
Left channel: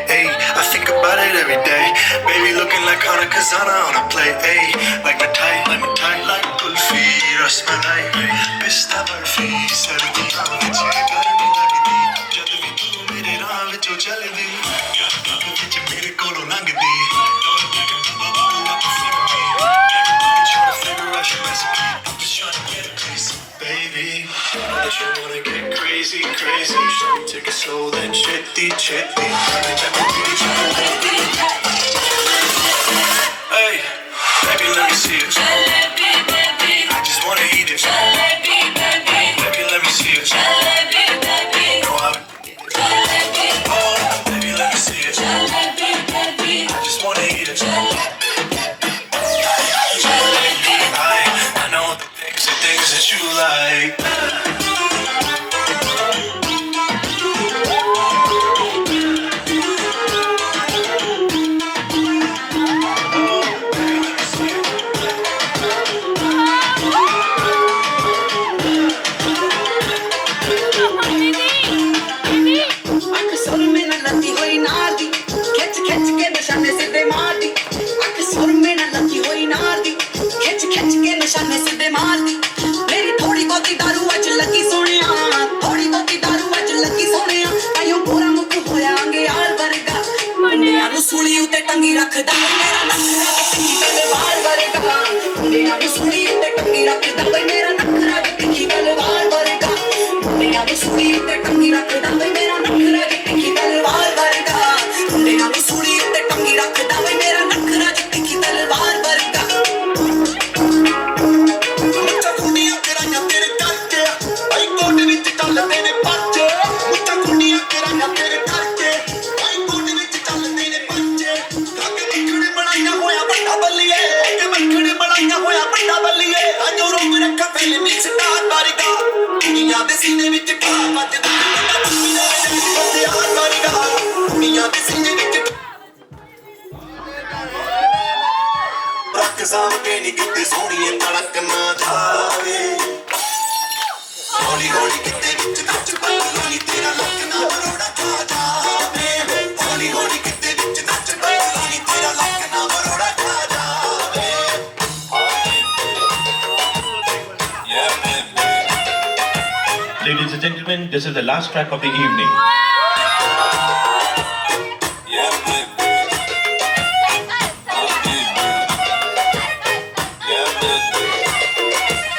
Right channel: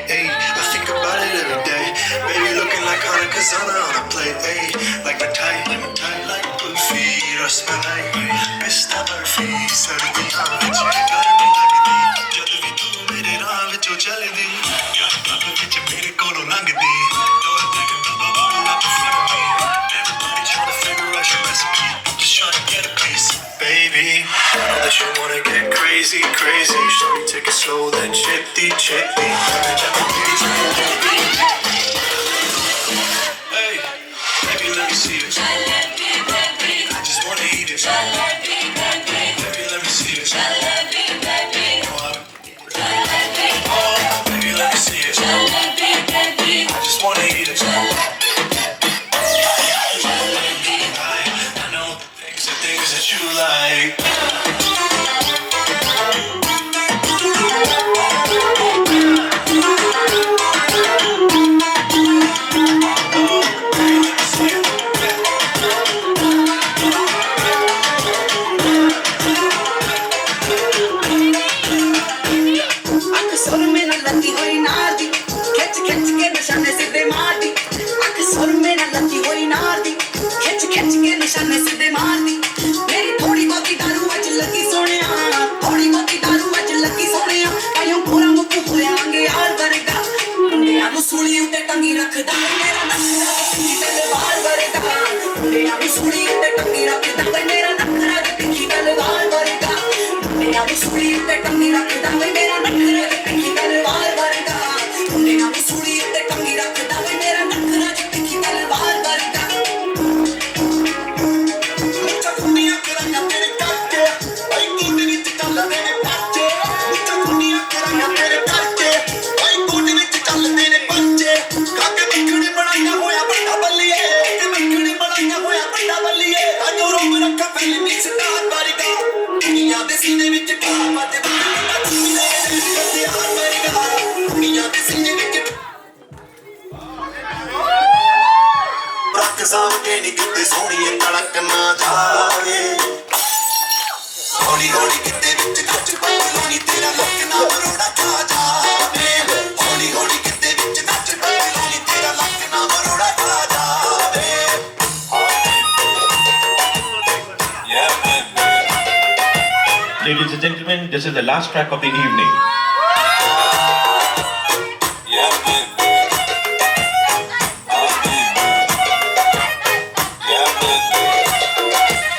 Ayy, I think about it every day. Baby looking like Hana Kazana on a play. Ayy, like my like Kulfi, Rasmalai, Pista Barfi, Sardiya vich garmi lagdi. Jad vi tu mere raah vichon chaldi, raah vich mere kolo langdi. Don't think about all up in front of me. Everybody trying to figure out your recipe. Just trying to get a piece, baby. Know that you wanna get crazy, crazy. Shorty, take it slow, then chitty, chitty. Hey, baby, let me see this. I just wanna eat it. Baby, let me see it. Go out. Oh, baby, let me see it. I just wanna eat it. I know the things that you like. ਦੀ ਸੂਈ ਤੇ ਟੰਗੀ ਰੱਖਦਾ ਵੇ ਮੇਰਾ ਨਖਰਾ ਦੀ ਤਿੱਖੀ ਤਲਵਾਰ ਵਰਗਾ ਮੁੰਡਿਆਂ ਦੀ ਸੂਈ ਤੇ ਟੰਗੀ ਰੱਖਦਾ ਵੇ ਮੇਰਾ ਨਖਰਾ ਦੀ ਤਿੱਖੀ ਤਲਵਾਰ ਵਰਗਾ ਮੁੰਡਿਆਂ ਦੀ ਸੂਈ ਤੇ ਟੰਗੀ ਰੱਖਦਾ ਵੇ ਮੇਰਾ ਨਖਰਾ ਦੀ ਤਿੱਖੀ ਤਲਵਾਰ ਵਰਗਾ ਮੁੱਛਾਂ ਕੁੰਡੀਆਂ ਤੇਰੀਆਂ ਤੇਰੇ ਕੱਚੇ ਆਈ ਕੋਟ ਵਿੱਚ ਚੱਲਦੇ ਨੇ ਪੱਚੇ ਮੁੱਛਾਂ ਕੁੰਡੀਆਂ ਤੇਰੀਆਂ ਤੇਰੇ ਕੱਚੇ ਆਈ ਕੋਟ ਵਿੱਚ ਚੱਲਦੇ ਨੇ ਪੱਚੇ ਕੱਕ ਨਿਕੜੇ ਬਣਾਈਆਂ ਹੋਇਆ ਵੱਡਾ ਬੱਲੀਏ ਕਿ ਨਿਕੜੇ ਬਣਾਈਆਂ ਹੋਇਆ ਵੱਡਾ ਬੱਲੀਏ ਅਜੋ ਰੋਕ ਰੱਖਾ ਫਿਲਮੀ ਸਟਾਰ ਵਰਗਾ ਦੁਨੀਆ ਦੇ ਸੀਨੇ ਵਿੱਚ ਢਾਹ ਵੱਜਦਾ ਦੁਨੀਆ ਦੇ ਸੀਨੇ ਵਿੱਚ ਰੱਖ ਸਾਹਮਣੇ ਨੀ ਕਿਤੇ ਸੋਹਣੀਏ ਤੜਕ ਨਾ ਜਾਵੇ ਹੌਲੀ ਹੌਲੀ ਕਿਤੇ ਵਿੱਚ ਨੱਚ ਪੱਤਲੋਂ ਤੇਰਾ ਲੱਕ ਨਾ ਬਰੋੜਾ ਖਾ ਜਾਵੇ ਹੌਲੀ ਹੌਲੀ ਕਿਤੇ ਵਿੱਚ ਨੱਚ ਪੱਤਲੋਂ ਤੇਰਾ ਲੱਕ ਨਾ ਬਰੋੜਾ ਖਾ ਜਾਵੇ Ladies and gentlemen, this is the last track of the evening.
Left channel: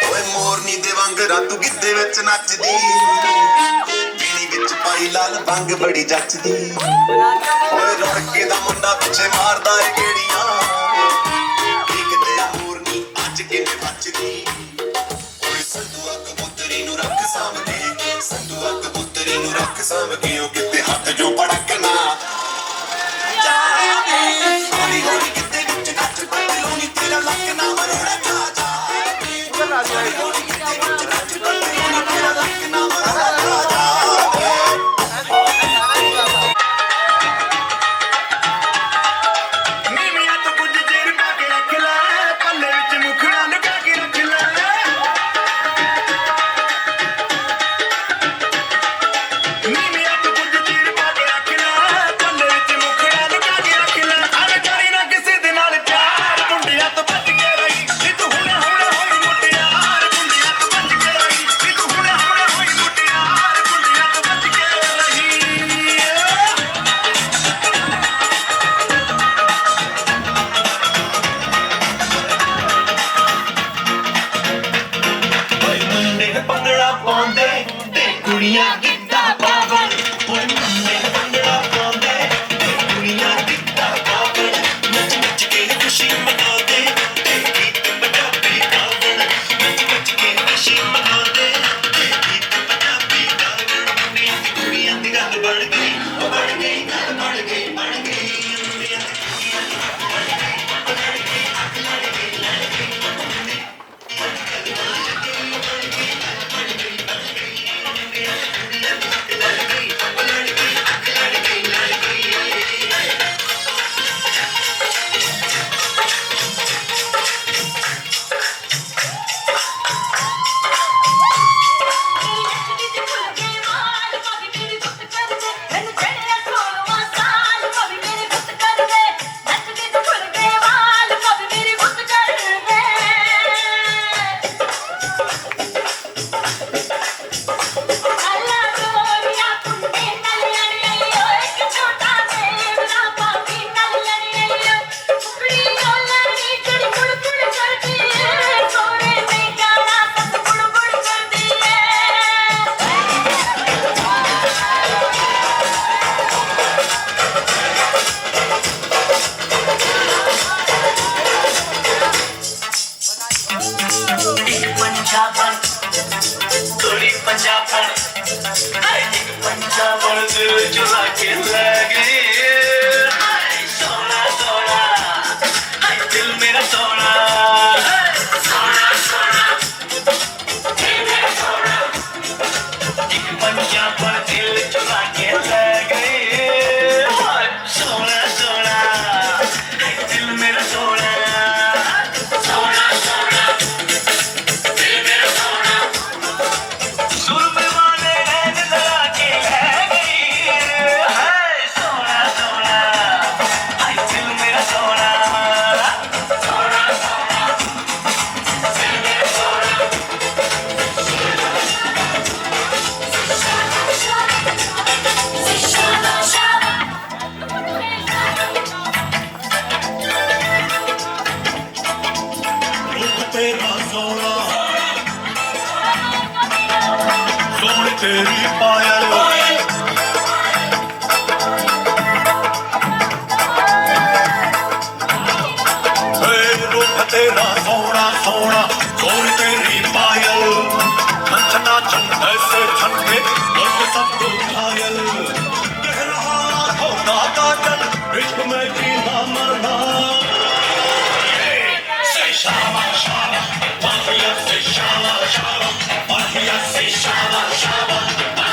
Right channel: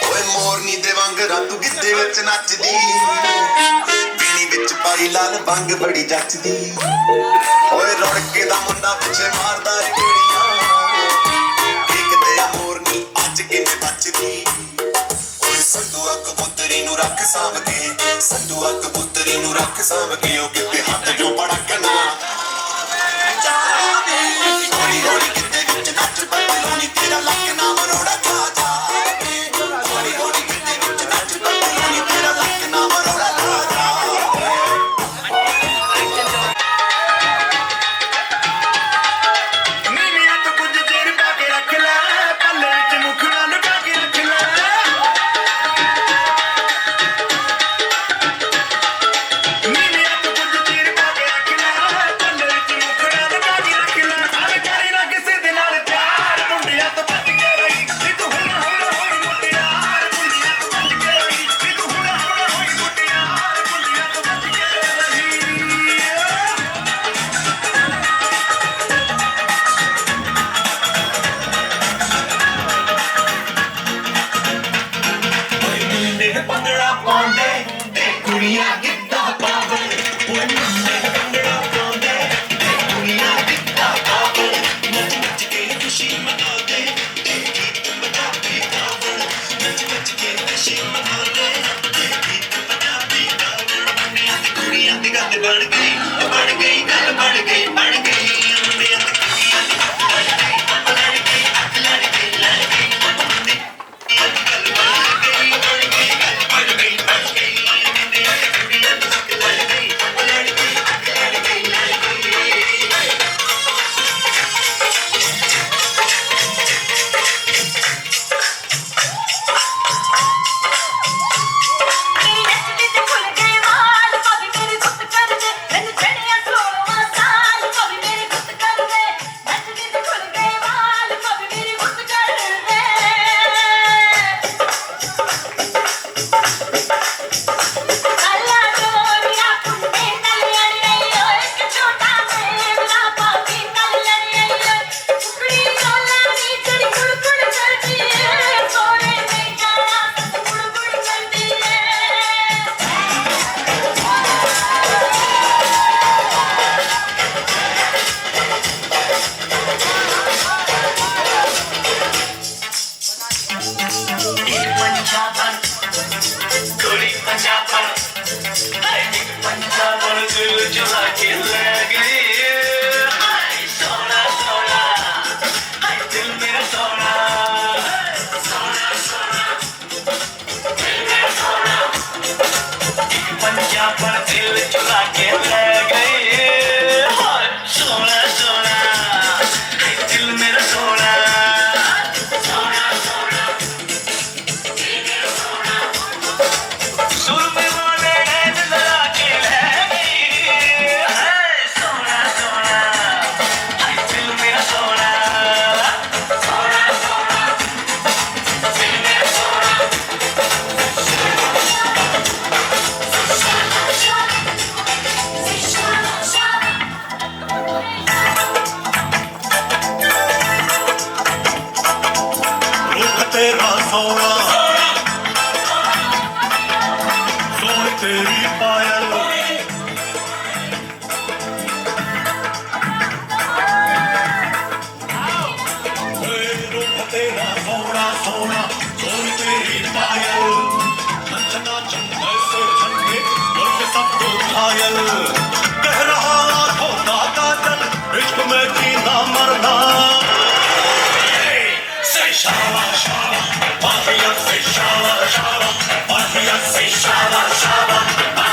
ਓਏ ਮੋਰਨੀ ਦੇ ਵਾਂਗ ਰਾਤ ਗਿੱਧੇ ਵਿੱਚ ਨੱਚਦੀ ਪੀਣੀ ਵਿੱਚ ਪਾਈ ਲਾਲ ਬੰਗ ਬੜੀ ਜੱਚਦੀ ਓਏ ਰੜਕੇ ਦਾ ਮੁੰਡਾ ਪਿੱਛੇ ਮਾਰਦਾ ਏ ਕਿਹੜੀਆਂ ਦੇਖਦੇ ਆ ਮੋਰਨੀ ਅੱਜ ਕਿਵੇਂ ਬਚਦੀ ਓਏ ਸੰਦੂਆ ਕਬੂਤਰੀ ਨੂੰ ਰੱਖ ਸਾਂਭ ਕੇ ਸੰਦੂਆ ਕਬੂਤਰੀ ਨੂੰ ਰੱਖ ਸਾਂਭ ਕੇ ਉਹ ਕਿਤੇ ਹੱਥ ਜੋ ਪੜਕਣਾ ਜਾਵੇ ਹੌਲੀ ਹੌਲੀ ਕਿਤੇ ਵਿੱਚ ਨੱਚ ਪੱਤਲੋਂ ਨੀ ਤੇਰਾ ਲੱਕ ਨਾ ਮਰੋੜਾ ਖਾ ਜਾਵੇ ਹੌਲੀ ਹੌਲੀ ਕਿਤੇ ਵਿੱਚ ਨੱਚ ਪੱਤਲੋਂ ਨੀ ਤੇਰਾ ਲੱਕ ਨਾ ਮਰੋੜਾ ਖਾ ਜਾਵੇ ਨੀਵੀਆਂ ਤੋਂ ਕੁਝ ਚਿਰ ਪਾ ਕੇ ਰੱਖ ਲੈ ਪੱਲੇ ਵਿੱਚ ਮੁਖੜਾ ਲੁਕਾ ਕੇ ਰੱਖ ਲੈ ਨੀਵੀਆਂ ਤੋਂ ਕੁਝ ਚਿਰ ਪਾ ਕੇ ਰੱਖ ਲੈ ਪੱਲੇ ਵਿੱਚ ਮੁਖੜਾ ਲੁਕਾ ਕੇ ਰੱਖ ਲੈ ਅਰੇ ਕਰੀ ਨਾ ਕਿਸੇ ਦੇ ਨਾਲ ਪਿਆਰ ਮੁੰਡਿਆਂ ਤੋਂ ਬਚ ਕੇ ਰਹੀ ਨੀ ਤੂੰ ਹੁਣ ਹੋਈ ਮੁਟਿਆਰ ਮੁੰਡਿਆਂ ਤੋਂ ਬਚ ਕੇ ਰਹੀ ਨੀ ਤੂੰ ਹੁਣ ਹੋਈ ਮੁਟਿਆਰ ਮੁੰਡਿਆਂ ਤੋਂ ਬਚ ਕੇ ਰਹੀ ਓਏ ਮੁੰਡੇ ਪੰਦੜਾ ਪਾਉਂਦੇ ਤੇ ਕੁੜੀਆਂ ਗਿੱਧਾ ਪਾਵਣ ਓਏ ਮੁੰਡੇ ਪੰਦੜਾ ਪਾਉਂਦੇ ਤੇ ਕੁੜੀਆਂ ਗਿੱਧਾ ਪਾਵਣ ਨੱਚ ਨੱਚ ਕੇ ਖੁਸ਼ੀ ਮਨਾਉਂਦੇ ਤੇ ਗੀਤ ਪੰਜਾਬੀ ਗਾਵਣ ਨੱਚ ਨੱਚ ਕੇ ਖੁਸ਼ੀ ਮਨਾਉਂਦੇ ਤੇ ਗੀਤ ਪੰਜਾਬੀ ਗਾਵਣ ਮੁੰਡਿਆਂ ਦੀ ਕੁੜੀਆਂ ਦੀ ਗੱਲ ਬਣ ਗਈ ਗੱਲ ਬਣ ਗਈ ਮੁੰਡਿਆਂ ਦੀ ਕੁੜੀਆਂ ਦੀ ਮੇਰੀ ਨੱਚਦੀ ਤੇ ਖੁੱਲ ਗਏ ਵਾਲ ਭਾਵੇਂ ਮੇਰੀ ਗੁੱਤ ਕਰਦੇ ਮੈਨੂੰ ਚੜਿਆ 16ਵਾਂ ਸਾਲ ਭਾਵੇਂ ਮੇਰੀ ਗੁੱਤ ਕਰਦੇ ਨੱਚਦੀ ਤੇ ਖੁੱਲ ਗਏ ਵਾਲ ਭਾਵੇਂ ਮੇਰੀ ਗੁੱਤ ਕਰਦੇ ਅੱਲਾ ਡੋਰੀਆ ਕੁੰਡੇ ਨਾਲ ਲੜੀਏ ਓਏ ਇੱਕ ਛੋਟਾ ਮੇਰਾ ਪਾਪੀ ਨਾਲ ਲੜੀਏ ਕੁੜੀ ਰੋਲਾ ਨੀ ਕੁੜੀ ਕੁੜ ਕੁੜ ਕਰਦੀ ਏ ਸੋਨੇ ਤੇ ਜਾਣਾ ਸੱਤ ਕੁੜ ਕੁੜ ਕਰਦੀ ਏ ਪੰਜਾਬਣ ਕੁੜੀ ਪੰਜਾਬਣ ਹਾਏ ਇੱਕ ਪੰਜਾਬਣ ਦਿਲ ਚੁਰਾ ਕੇ ਲੈ ਗਈ ਹਾਏ ਸੋਹਣਾ ਸੋਹਣਾ ਹਾਏ ਦਿਲ ਮੇਰਾ ਸੋਹਣਾ ਸੋਹਣਾ ਸੋਹਣਾ ਦਿਲ ਮੇਰਾ ਸੋਹਣਾ ਇੱਕ ਪੰਜਾਬਣ ਦਿਲ ਚੁਰਾ ਕੇ ਲੈ ਗਈ ਹਾਏ ਸੋਹਣਾ ਸੋਹਣਾ ਹਾਏ ਦਿਲ ਮੇਰਾ ਸੋਹਣਾ ਸੋਹਣਾ ਸੋਹਣਾ ਸੁਰਮੇ ਵਾਲੇ ਨੈਣ ਲਗਾ ਕੇ ਲੈ ਗਈ ਹੈ तेरी पायल तेरा सोना सोना सोन तेरी पायल नचना चंद ऐसे ठंडे लोग सब तो घायल कह रहा होता काजल इश्क में जीना मरना से शाबा शाबा माफिया से शाबा शाबा माफिया से शाबा शाबा